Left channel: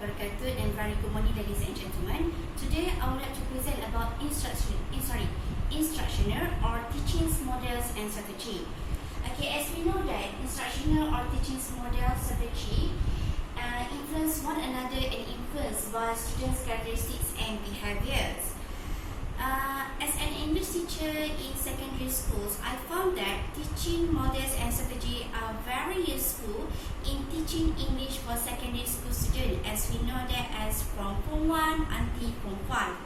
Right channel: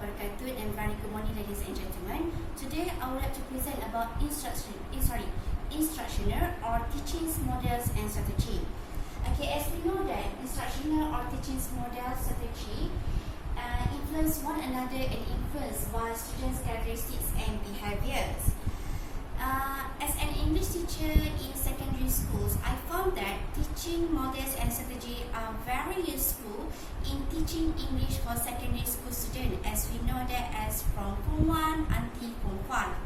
wabarakatuh, and very good morning, ladies and gentlemen. Today I would like to present about instructional or teaching models and strategy. Okay, as we know that instructional or teaching model strategy influence one another and influenced by students' characteristics and behaviors. As an English teacher in secondary schools, I found that teaching models and strategy are very useful in teaching English for secondary school students, as we know that as from Form 1 until Form 5.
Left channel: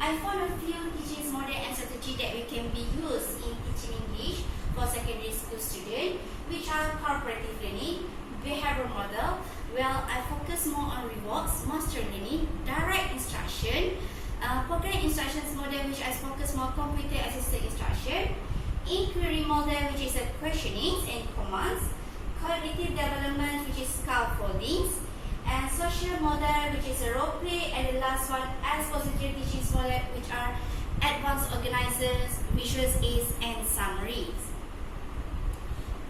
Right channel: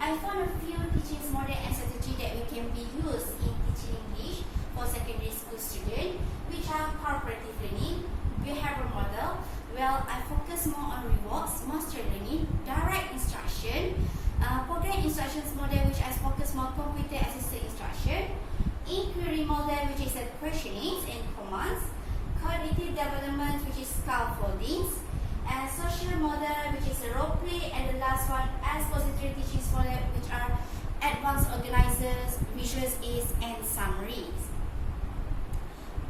I found a few teaching model and strategy that we can be used in teaching English for secondary school students, which are cooperative learning, behavioral model. Well, I focus more on rewards, master learning, direct instruction, program instructions model, which I focus more computer assisted instruction, inquiry model, which is a questioning and commands, cognitive development, which is scaffoldings, and social model, which is a role play, and the last one, expository teaching model, which are advanced organizers, visual aids, and summaries.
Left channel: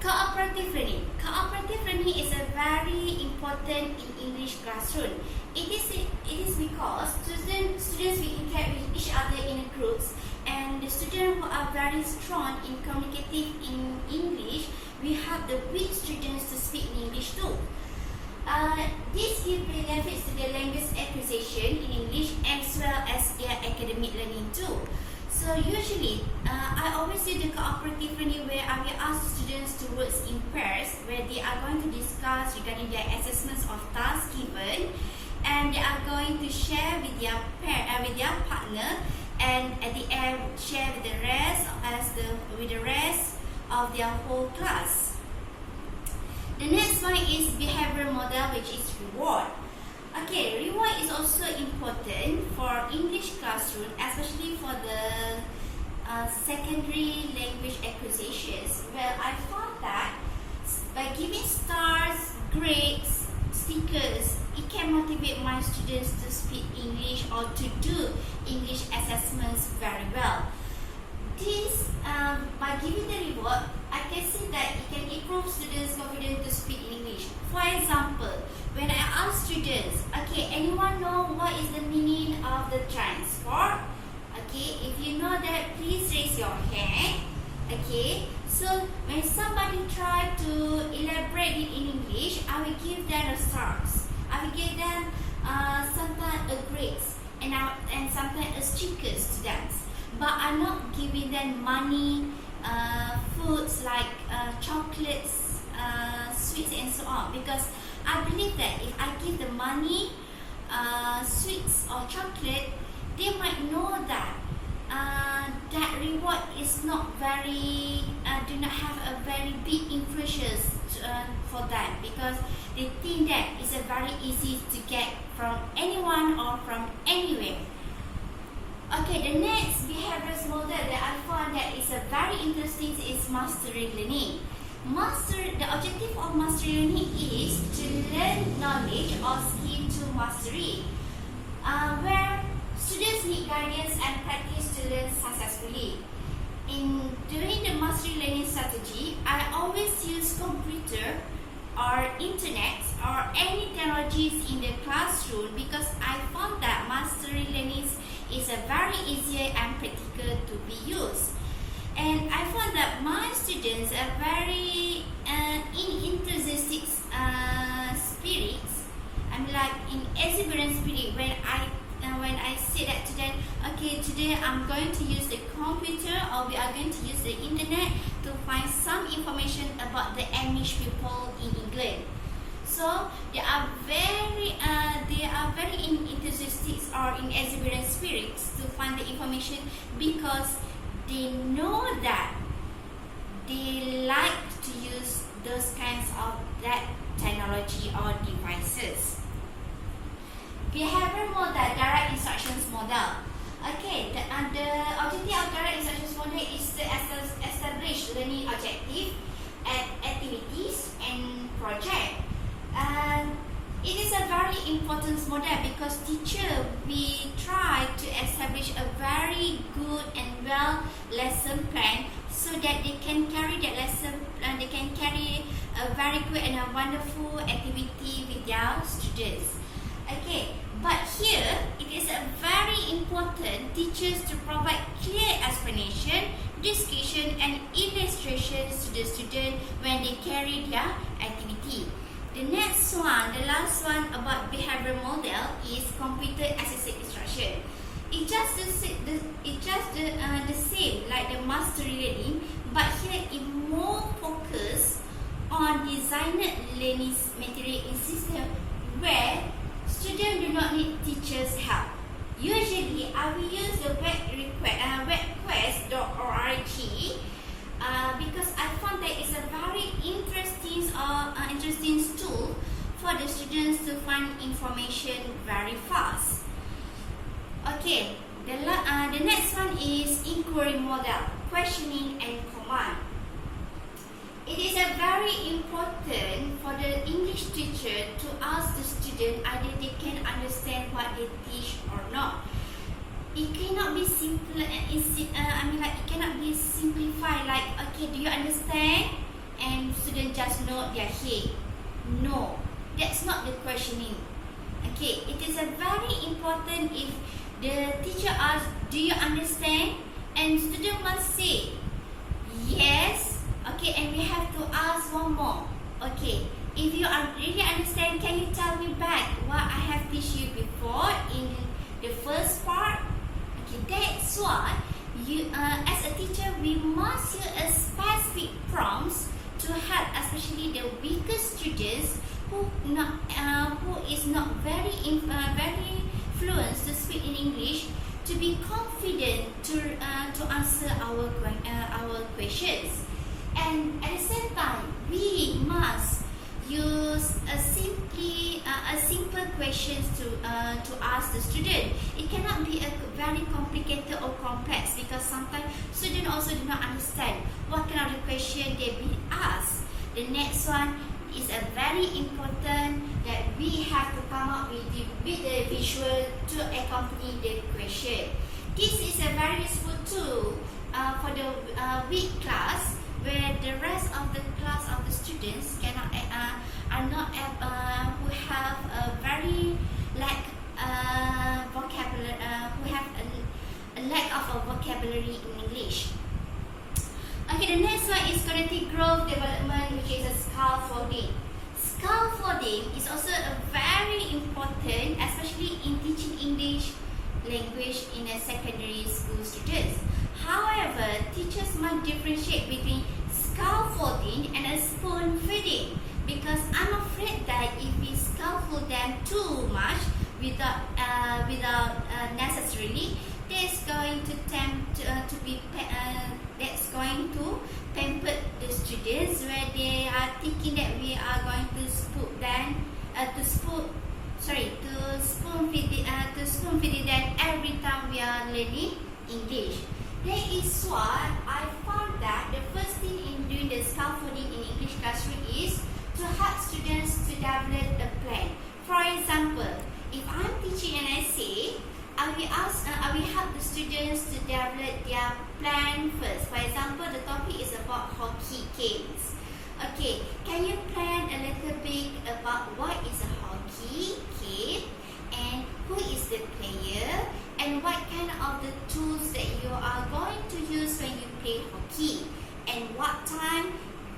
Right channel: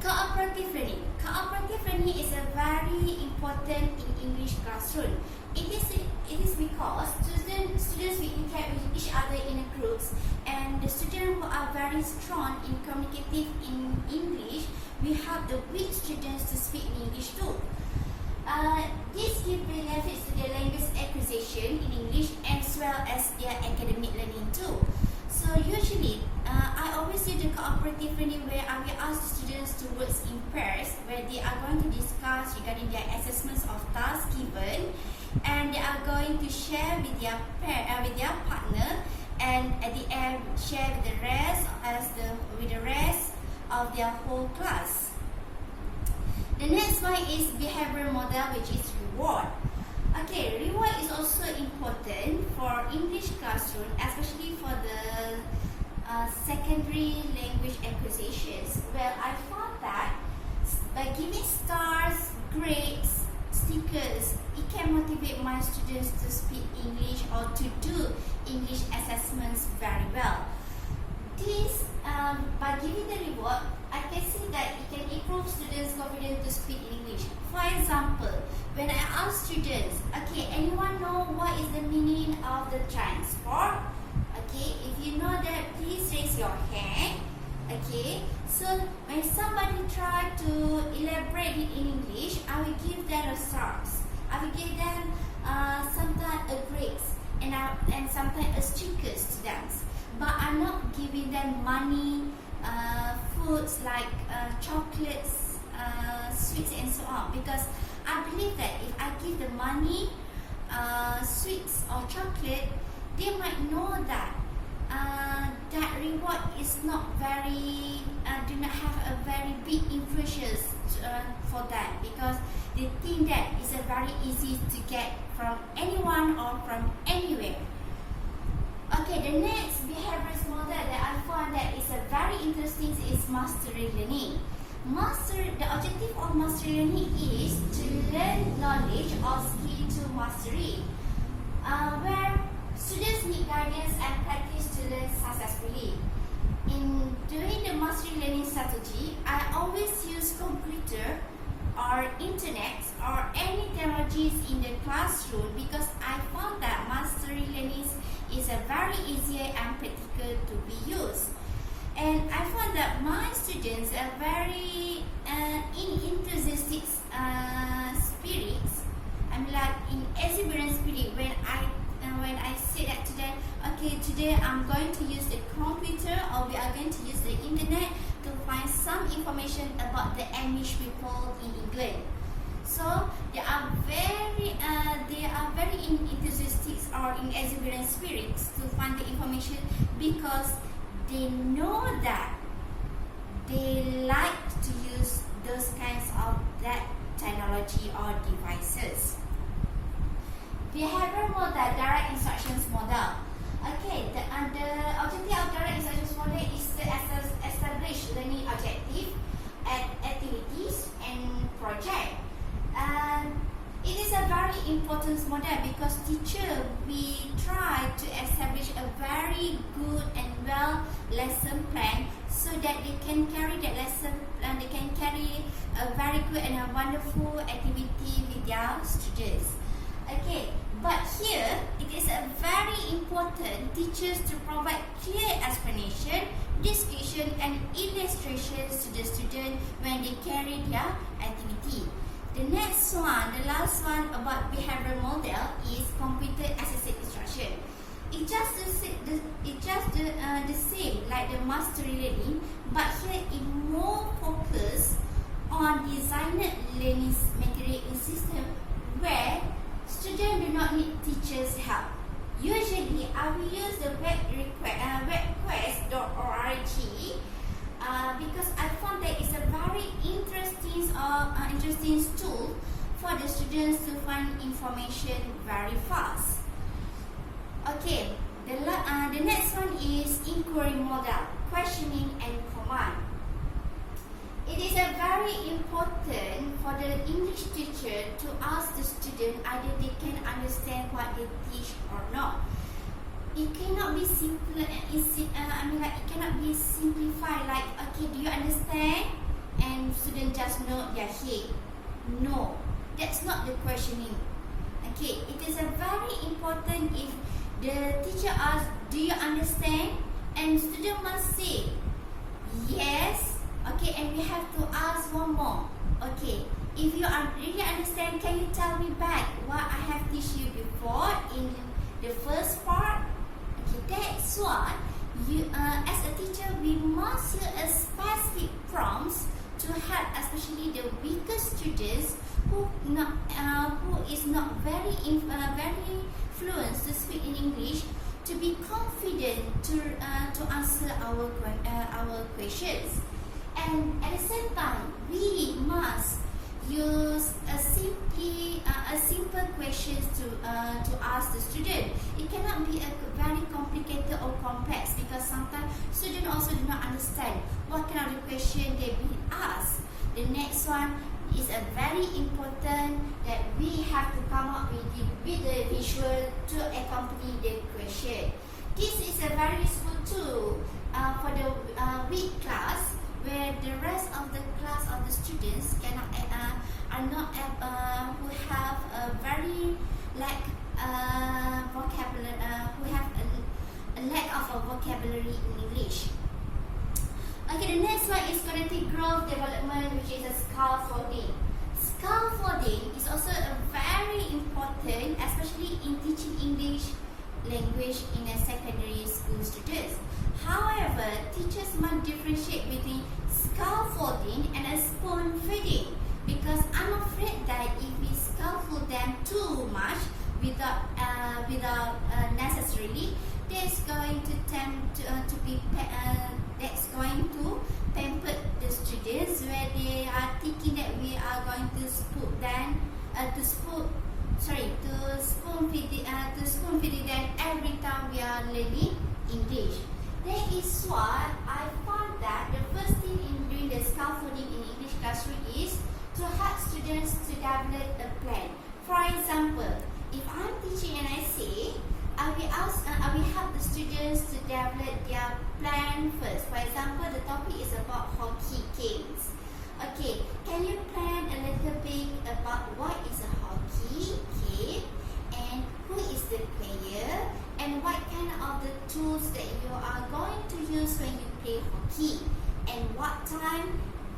Cooperative learning. Cooperative learning is a very important in English classroom. It is because students will interact with each other in groups, and the students who are very strong in communicative in English, we help the weak students to speak in English too. This gives benefits to their language acquisition in English as well as their academic learning too. So usually, I always do the cooperative learning where I will ask students to work in pairs, where they are going to discuss regarding their assessments of tasks given, and they are going to share with their partner, and at the end share with the rest of their whole class. The next one is behavioral model, which is reward. Okay, reward is also important for English classroom, especially for the secondary language acquisitions. Well, I found that by giving stars, grades, stickers, it can motivate my students to speak English or to do English assessments very well. This, by giving the reward, I can see that it can improve students' confidence to speak English. For example, when I ask students, okay, anyone know what is the meaning of the transport? Okay, if you know that, please raise your hand. Okay, so when somebody try to elaborate it in English, I will give them a stars. I will give them sometimes a grades and sometimes a stickers to them. But I'm not giving them money, foods like chocolates, sweets and so on, because I believe that if I give the money, sweets or chocolate, they might know that that reward is not very, do not have a very big influence for that, because they think that it's a very easy to get from anyone or from anywhere. Okay, the next behavioral model that I found that is a very interesting is mastery learning. The objective of mastery learning is to learn knowledge or skill to mastery, where students need guidance and practice to learn successfully. During the mastery learning strategy, I always use computer or internet or any technologies in the classroom, because I found that mastery learning is a very easier and practical to be used. And I found that my students are very enthusiastic spirits. I'm like in exuberant spirit when I say that to them, okay, today I'm going to use the computer, or we are going to use the internet to find some information about the Amish people in England. So they are very enthusiastic or in exuberant spirits to find the information, because they know that they like to use those kinds of that technology or devices. Behavioral model, direct instructions model. Okay, the objective of direct instructions model is to establish learning objective and activities and project. It is a very important model, because teacher we try to establish a very good and well lesson plan, so that they can carry that lesson and they can carry a very good and a wonderful activity with their students. Okay, but here it is a very important teachers to provide clear explanation, description and illustrations to the student when they carry their activity. The next one, the last one about behavior model is computer assisted instruction. It's just the same like the mastery learning, but here it more focus on designed learning material in system where students do not need teachers' help. Usually, I will use the webquest.org because I found that it's a very interesting tool for the students to find information very fast. Okay, the next one is inquiry model, questioning and command. It is a very important for the English teacher to ask the student either they can understand what they teach or not. It cannot be simple. It cannot be simplified. Like, okay, do you understand? And student just nod their head. No, that's not the questioning. Okay, it is a very important if the teacher asks, do you understand? And student must say, yes. Okay, and we have to ask one more. Okay, if you really understand, can you tell me back what I have taught you before in the first part? Okay, that's why you, as a teacher, we must use a specific prompts to help, especially the weaker students who is not very fluent to speak in English, to be confident to answer our questions. And at the same time, we must use a simple questions to ask the student. It cannot be a very complicated or complex because sometimes students also do not understand what kind of the question they be asked. The next one is a very important that we have to come up with the visual to accompany the question. This is a very useful tool for the weak class, where the rest of the class of the students cannot are not who have a very lack vocabulary who have a lack of a vocabulary in English. Okay, the next one is cognitive growth development, which is a scaffolding. Scaffolding is also a very important, especially in teaching English language in a secondary school students. However, teachers must differentiate between scaffolding and a spoon feeding, because I'm afraid that if we scaffold them too much without necessarily, that's going to pamper the students, where they are thinking that we are going to spoon feed them every time we are learning English. That is why I found that the first thing in doing the scaffolding in English classroom is to help students to develop a plan. For example, if I'm teaching an essay, I will help the students to develop their plan first. For example, the topic is about hockey games. Okay, can you plan a little bit about what is a hockey game and who is the player and what kind of the tools that you are going to use when you play hockey, and what time,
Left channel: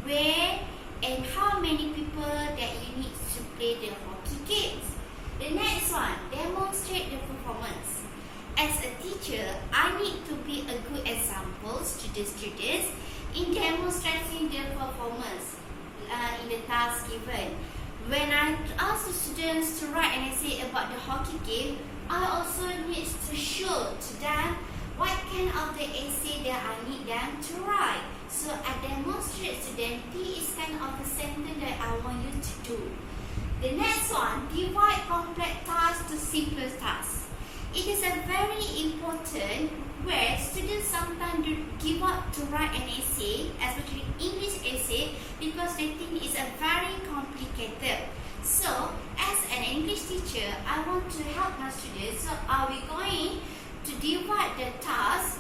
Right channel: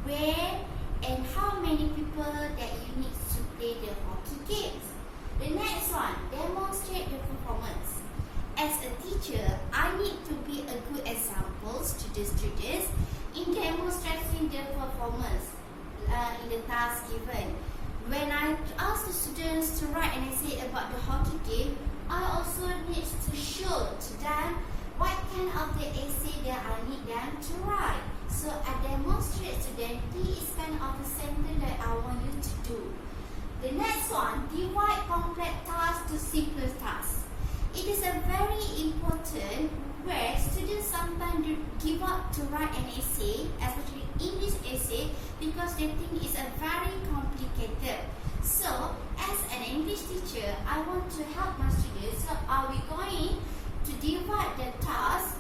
where, and how many people that you need to play the hockey games. The next one, demonstrate the performance. As a teacher, I need to be a good example to the students in demonstrating their performance in the task given. When I ask the students to write an essay about the hockey game, I also need to show to them what kind of the essay that I need them to write. So I demonstrate to them this is kind of the sentence that I want you to do. The next one, divide complex tasks to simpler tasks. It is a very important where students sometimes give up to write an essay, especially English essay, because they think it's a very complicated. So, as an English teacher, I want to help my students. So, are we going to divide the task,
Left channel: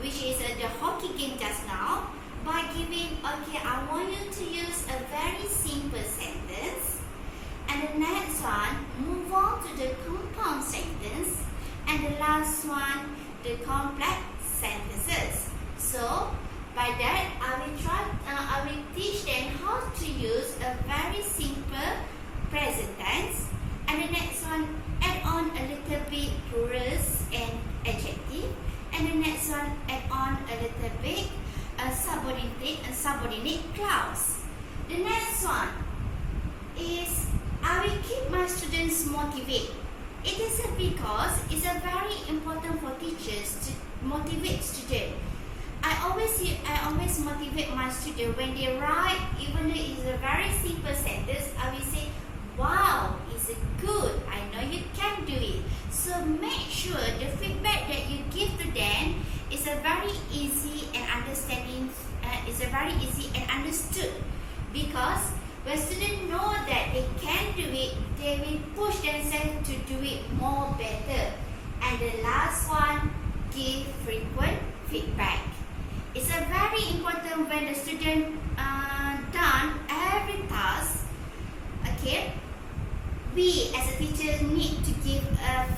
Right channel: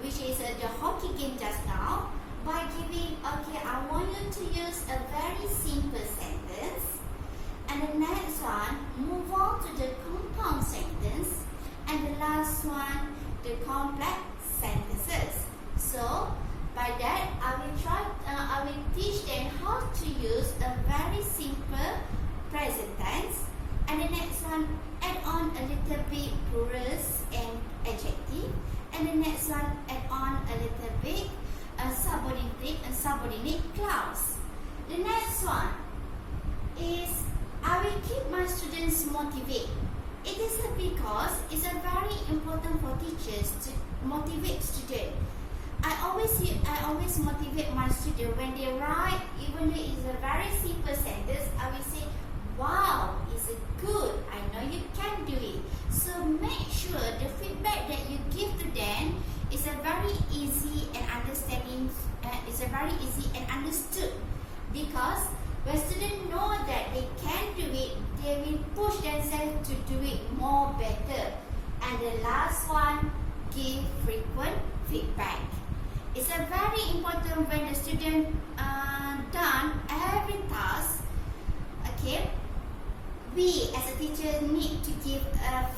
which is the hockey game just now, by giving, okay, I want you to use a very simple sentence, And the next one, move on to the compound sentence. And the last one, the complex sentences. So, by that, I will teach them how to use a very simple present tense. And the next one, add on a little bit plurals and adjective. And the next one, add on a little bit subordinate clause. The next one is I will keep my students motivated. It is because it's a very important for teachers to motivate students. I always motivate my students when they write, even though it's a very simple sentence. I will say, "Wow, it's good. I know you can do it." So make sure the feedback that you give to them is a very easy and understanding. It's a very easy and understood, because when students know that they can do it, they will push themselves to do it more better. And the last one, give frequent feedback. It's a very important when the student done every task. Okay, we as a teacher need to give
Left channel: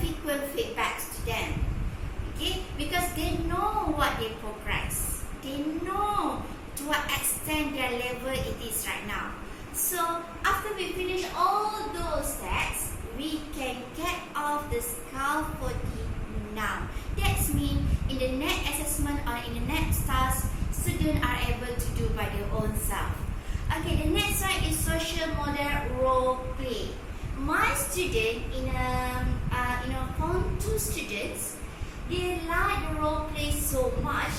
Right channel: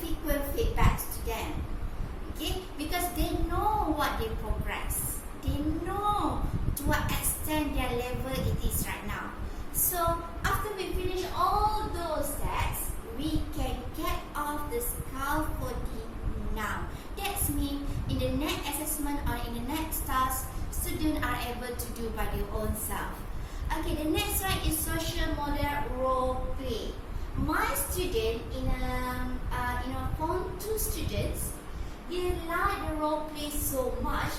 frequent feedbacks to them. Okay, because they know what they progress. They know to what extent their level it is right now. So after we finish all those steps, we can get off the scaffolding now. That means in the next assessment or in the next task, students are able to do by their own self. Okay, the next one is social model role play. My student in Form 2 students, they like the role play so much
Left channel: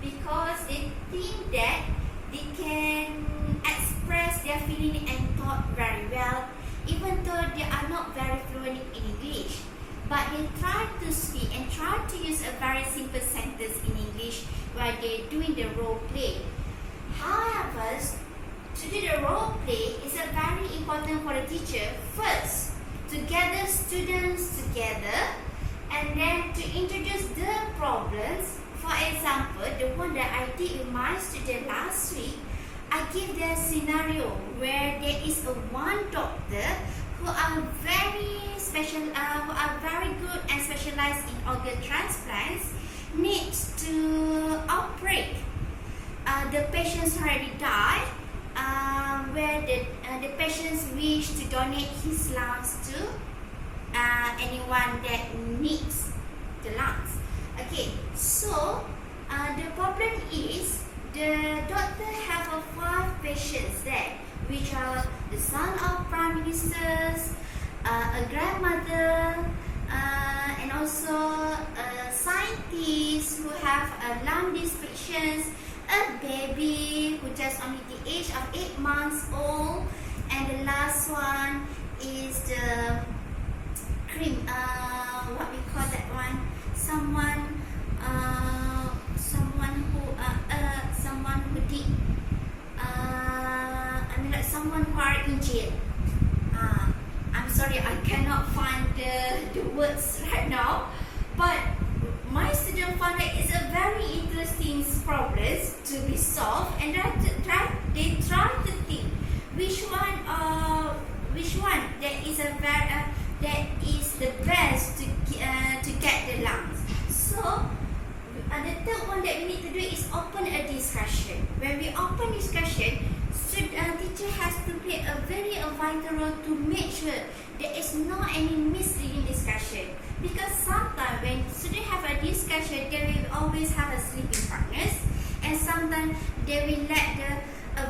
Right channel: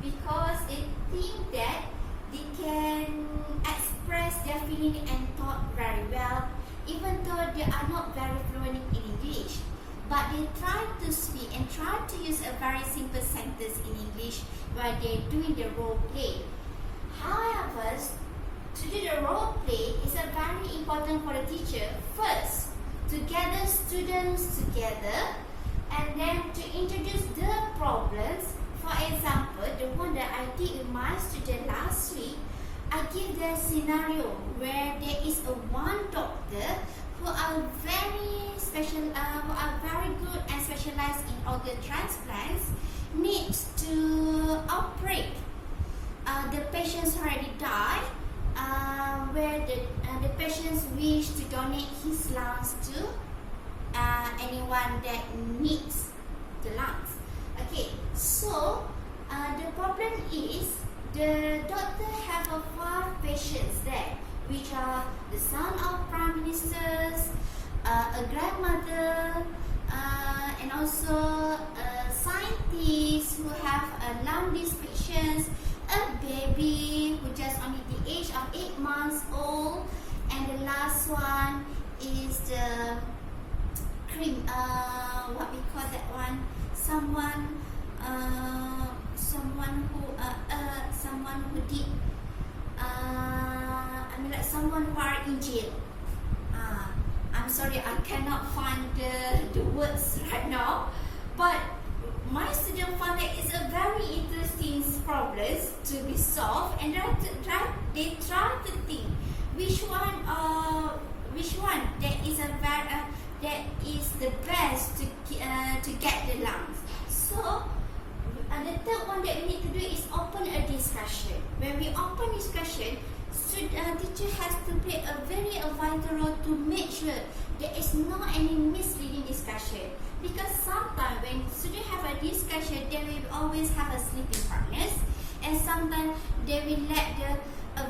because they think that they can express their feeling and thought very well, even though they are not very fluent in English. But they try to speak and try to use a very simple sentence in English while they're doing the role play. However, to do the role play is a very important for the teacher. First, to gather students together and then to introduce the problems. For example, the one that I did with my student last week, I give them a scenario where there is one doctor who are very special, who are very good and specialized in organ transplants, needs to operate. The patients already died, where the patients wish to donate his lungs to anyone that needs the lungs. Okay, so the problem is the doctor have 5 patients there, which are the son of prime ministers, a grandmother, and also a scientist who have lung restrictions, a baby who just only the age of 8 months old, and the last one is the what we call that one? Someone who did someone who are in jail. I'm sorry, I cannot find the words right now, but my student found that it's a very interesting problem to be solved, and they try to think which one that is the best to get the lungs. So the third one that we need to do is open a discussion. When we open discussion, teacher has to play a very vital role to make sure there is not any misleading discussion. Because sometimes when students have a discussion, they will always have a sleeping partners, and sometimes they will let the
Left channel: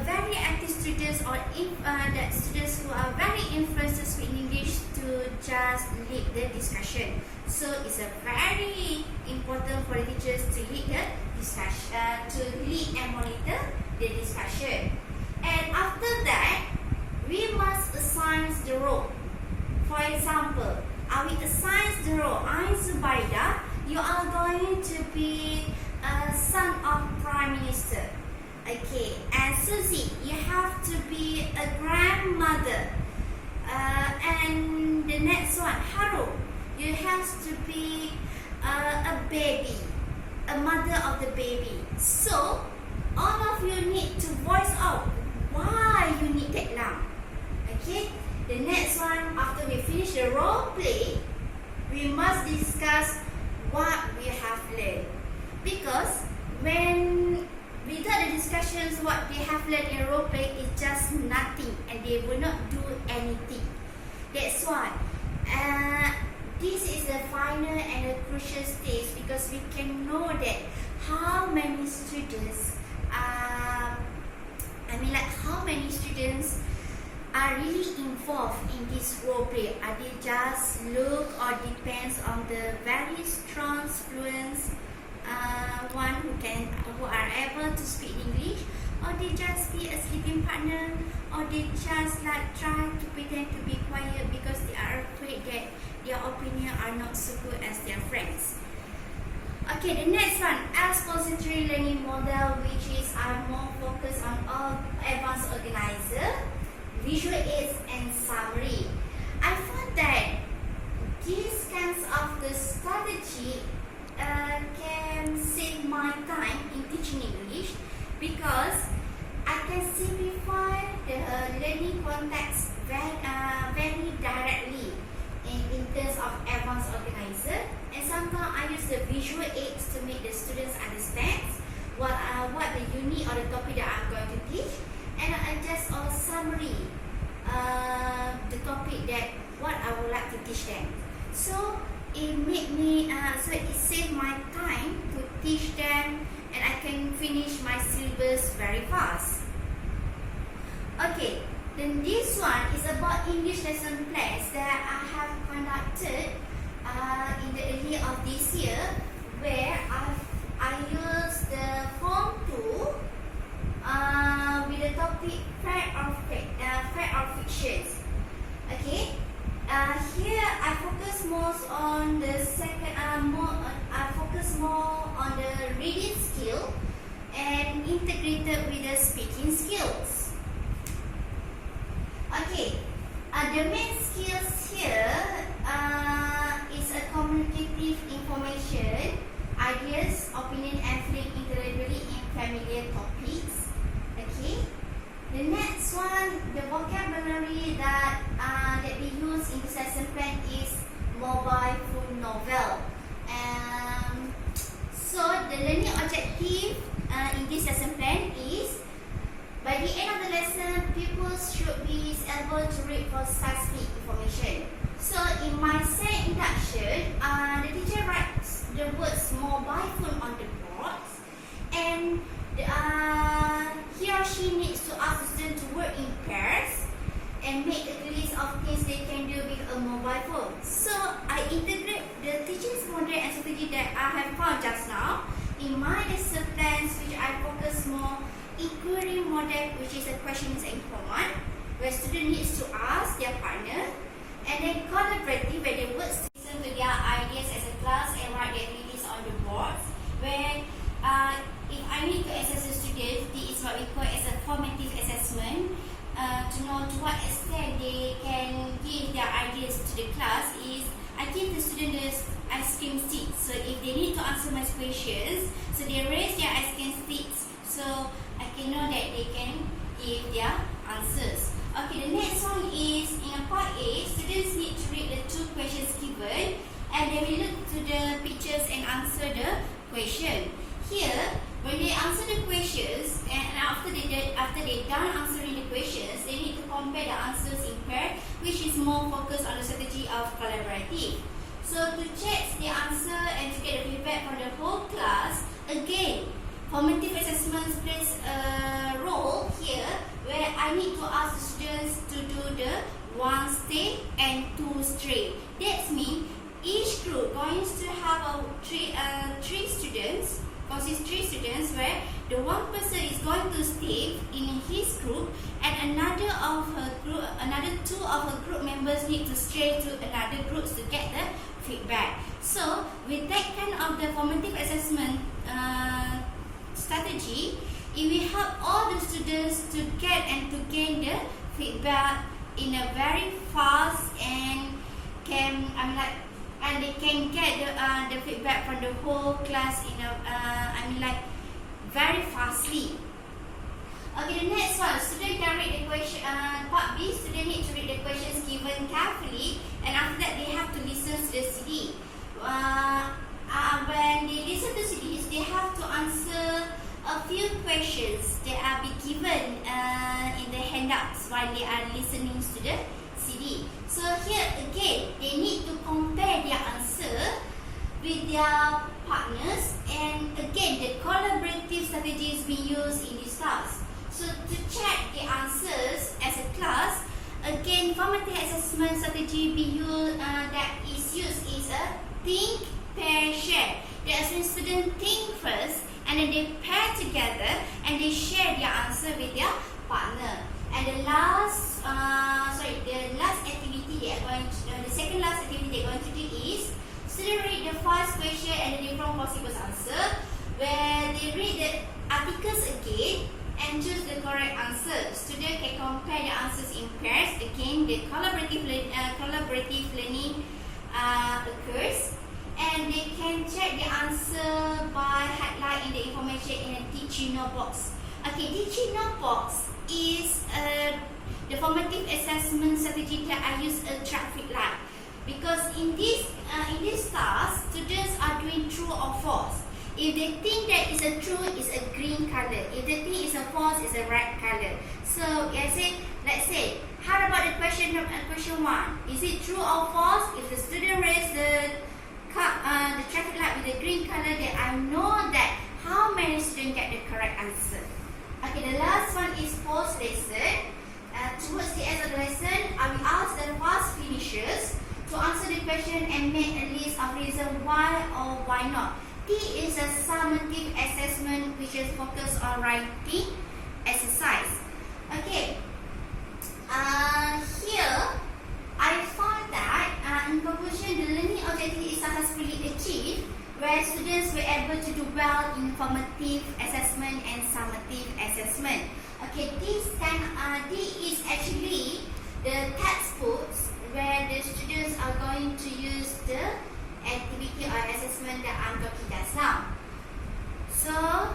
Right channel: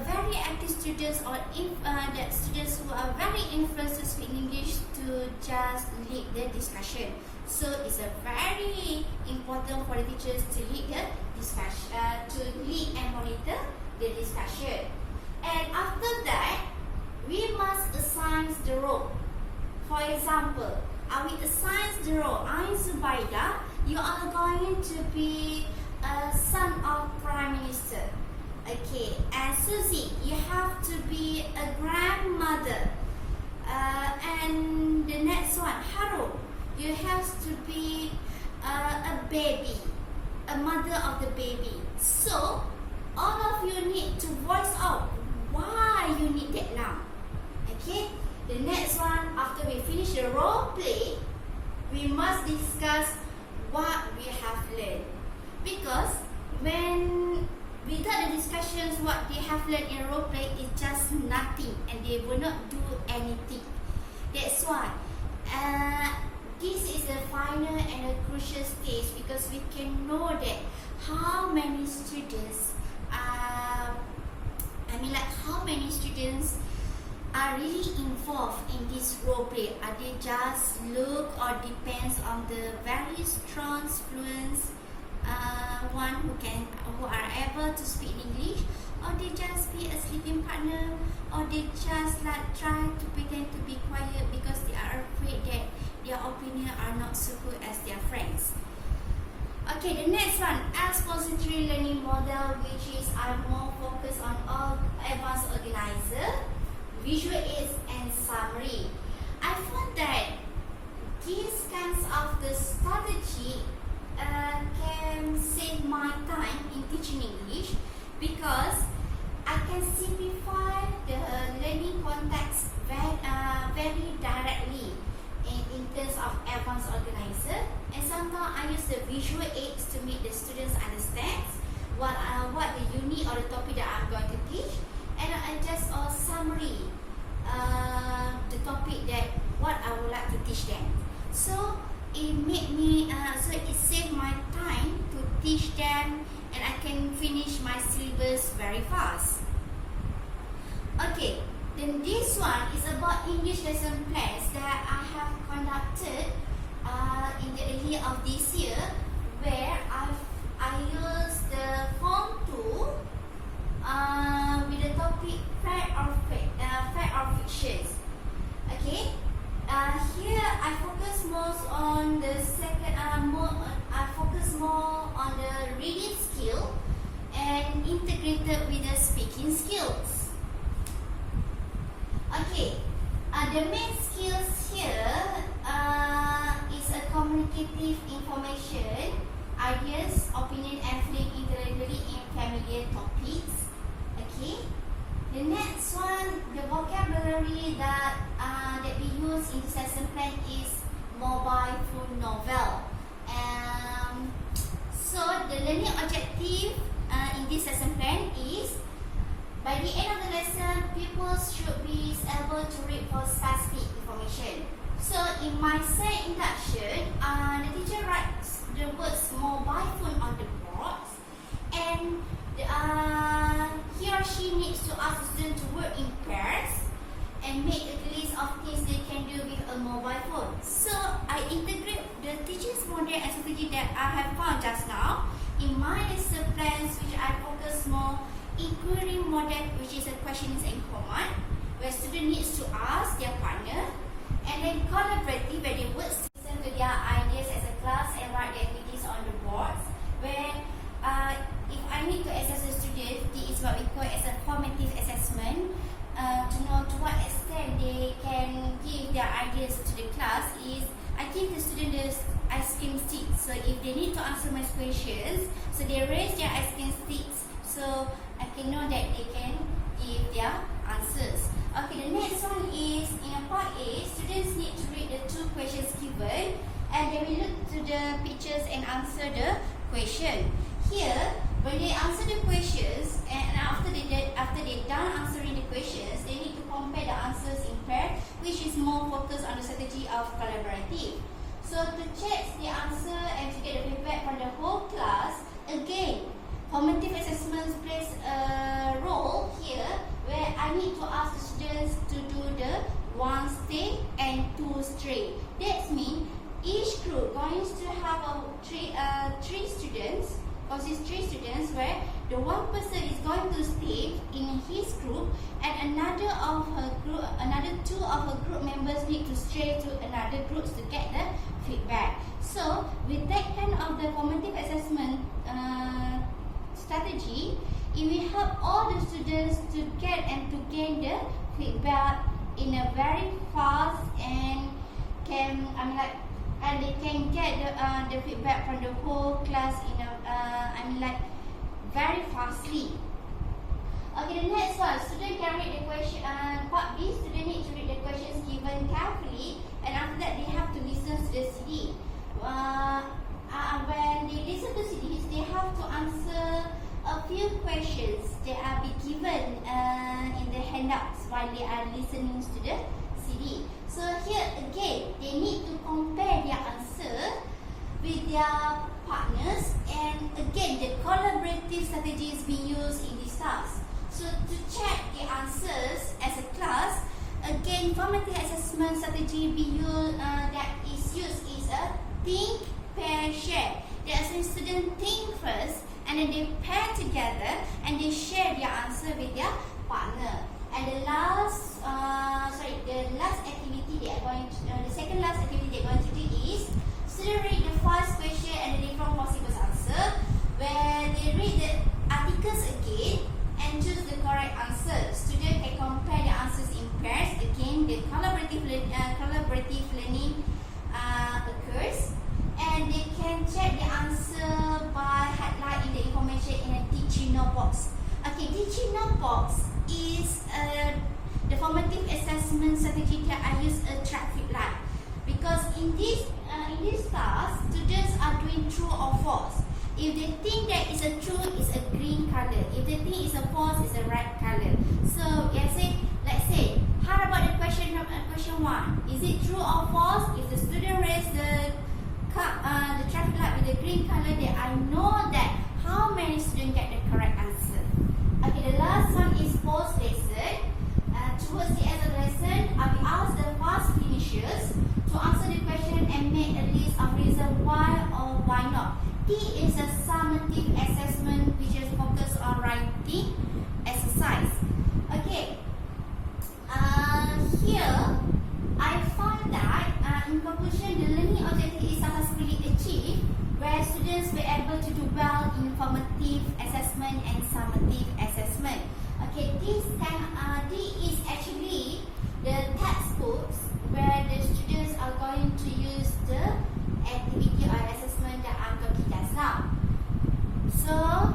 very active students or the students who are very influenced with English to just lead the discussion. So it's a very important for the teachers to lead the discussion, to lead and monitor the discussion. And after that, we must assign the role. For example, I will assign the role. I'm Zubaida. You are going to be a son of Prime Minister. Okay. And Susie, you have to be a grandmother. And the next one, Haru, you have to be a baby, a mother of the baby. So, all of you need to voice out why you need that lung. Okay. The next one, after we finish the role play, we must discuss what we have learned. Because when without the discussions what they have learned in role play is just nothing and they will not do anything. That's why this is the final and a crucial stage, because we can know that how many students how many students are really involved in this role play. Are they just look or depends on the very strong fluent one who are able to speak English, or they just be a sleeping partner, or they just like try to pretend to be quiet because they are afraid that their opinion are not so good as their friends. Okay, the next one, expository learning model, which is more focused on all advanced organizer, visual aids and summary. I found that these kinds of the strategy can save my time in teaching English, because I can simplify the learning context very directly in terms of advanced organizer, and sometimes I use the visual aids to make the students understand what the unit or the topic that I'm going to teach, and I just summary the topic that what I would like to teach them. So it made me it saved my time to teach them, and I can finish my syllabus very fast. Okay, then this one is about English lesson plans that I have conducted in the early of this year, where I used the Form 2 with the topic fact or fictions. Okay, here I focus most on the I focus more on the reading skill and integrated with the speaking skills. Okay, the main skills here is a communicative information, ideas, opinion, and feeling intellectually in familiar topics. Okay, the next one, the vocabulary that we use in this lesson plan is mobile phone novel. So the learning objective in this lesson plan is, by the end of the lesson, pupils should be able to read for specific information. So in my second introduction, the teacher writes the words mobile phone on the board, and he or she needs to ask the student to work in pairs and make a list of things they can do with a mobile phone. So I integrate the teaching's model and strategy that I have found just now in my lesson plans, which I focus more inquiry model, which is a questions and command, where student needs to ask their partner, and then collaborative, where they work listen to their ideas as a class and write their activities on the boards, where if I need to assess the student, this is what we call as a formative assessment, to know to what extent they can give their ideas to the class. Is I give the student the ice cream sticks, so if they need to answer my questions, so they raise their ice cream sticks, so I can know that they can give their answers. Okay, the next one is in a part A, students need to read the 2 questions given, and they will look to the pictures and answer the question. Here, when they answer the questions, and after they done answering the questions, they need to compare the answers in pair, which is more focused on the strategy of collaborative. So to check the answer and to get the feedback from the whole class, again, formative assessments plays a role here, where I need to ask the students to do the 1 stay and 2 stray. That means each group going to have three students, where the one person is going to stay in his group, and another 2 of her group members need to stray to another groups to get the feedback. So with that kind of the formative assessment strategy, it will help all the students to get and to gain the feedback in a very fast and they can get the feedback from the whole class in a very fastly. Okay, the next one, student can read the question. Part B, student need to read the questions given carefully, and after that they have to listen to the CD. When they listen to CDs, they have to answer a few questions that are be given in the handouts while they are listening to the CD. So here again, they need to compare their answer with their partners, and again the collaborative strategy is being used in this task. So to check the answers as a class, again formative assessment strategy that is used is a think, pair, share. That's when students think first and then they pair together and they share their answer with their partner. And the last activity they are going to, the second last activity they are going to do is student read the first question and the different possible answer, where they read the articles again and choose the correct answer. Student can compare the answers in pairs. Again, the collaborative learning occurs, and they can check the answer by highlighting the information in a teaching note box. Okay, teaching note box is the formative assessment strategy that I use a traffic light, because in this task, students are doing true or false. If they think that it's a true, it's a green color. If they think it's a false, it's a red color. So let's say, how about the question 1? Is it true or false? If the student raise the traffic light with the green color, then I know that how many students get the correct answer. Okay, the last one is post lesson. Towards the end of the lesson, I will ask the fast finishers to answer the question and make a list of reasons why or why not. T is a summative assessment which is focused on writing exercise. Okay. Here I found that in conclusion, the learning objective is successfully achieved, where students were able to do well in formative assessment and summative assessment. Okay, D is actually the textbooks where the students are going to use the activity or assessment that I'm talking just now. So,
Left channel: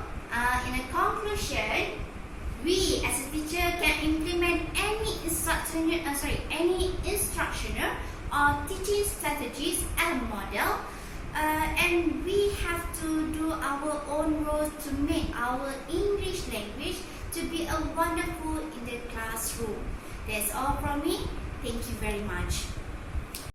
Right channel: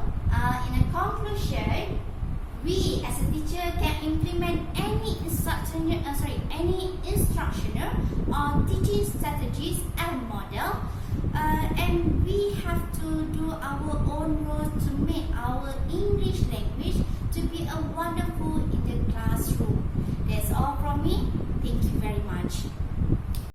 in a conclusion, we as a teacher can implement any instructional or teaching strategies and model, and we have to do our own role to make our English language to be a wonderful in the classroom. That's all from me. Thank you very much.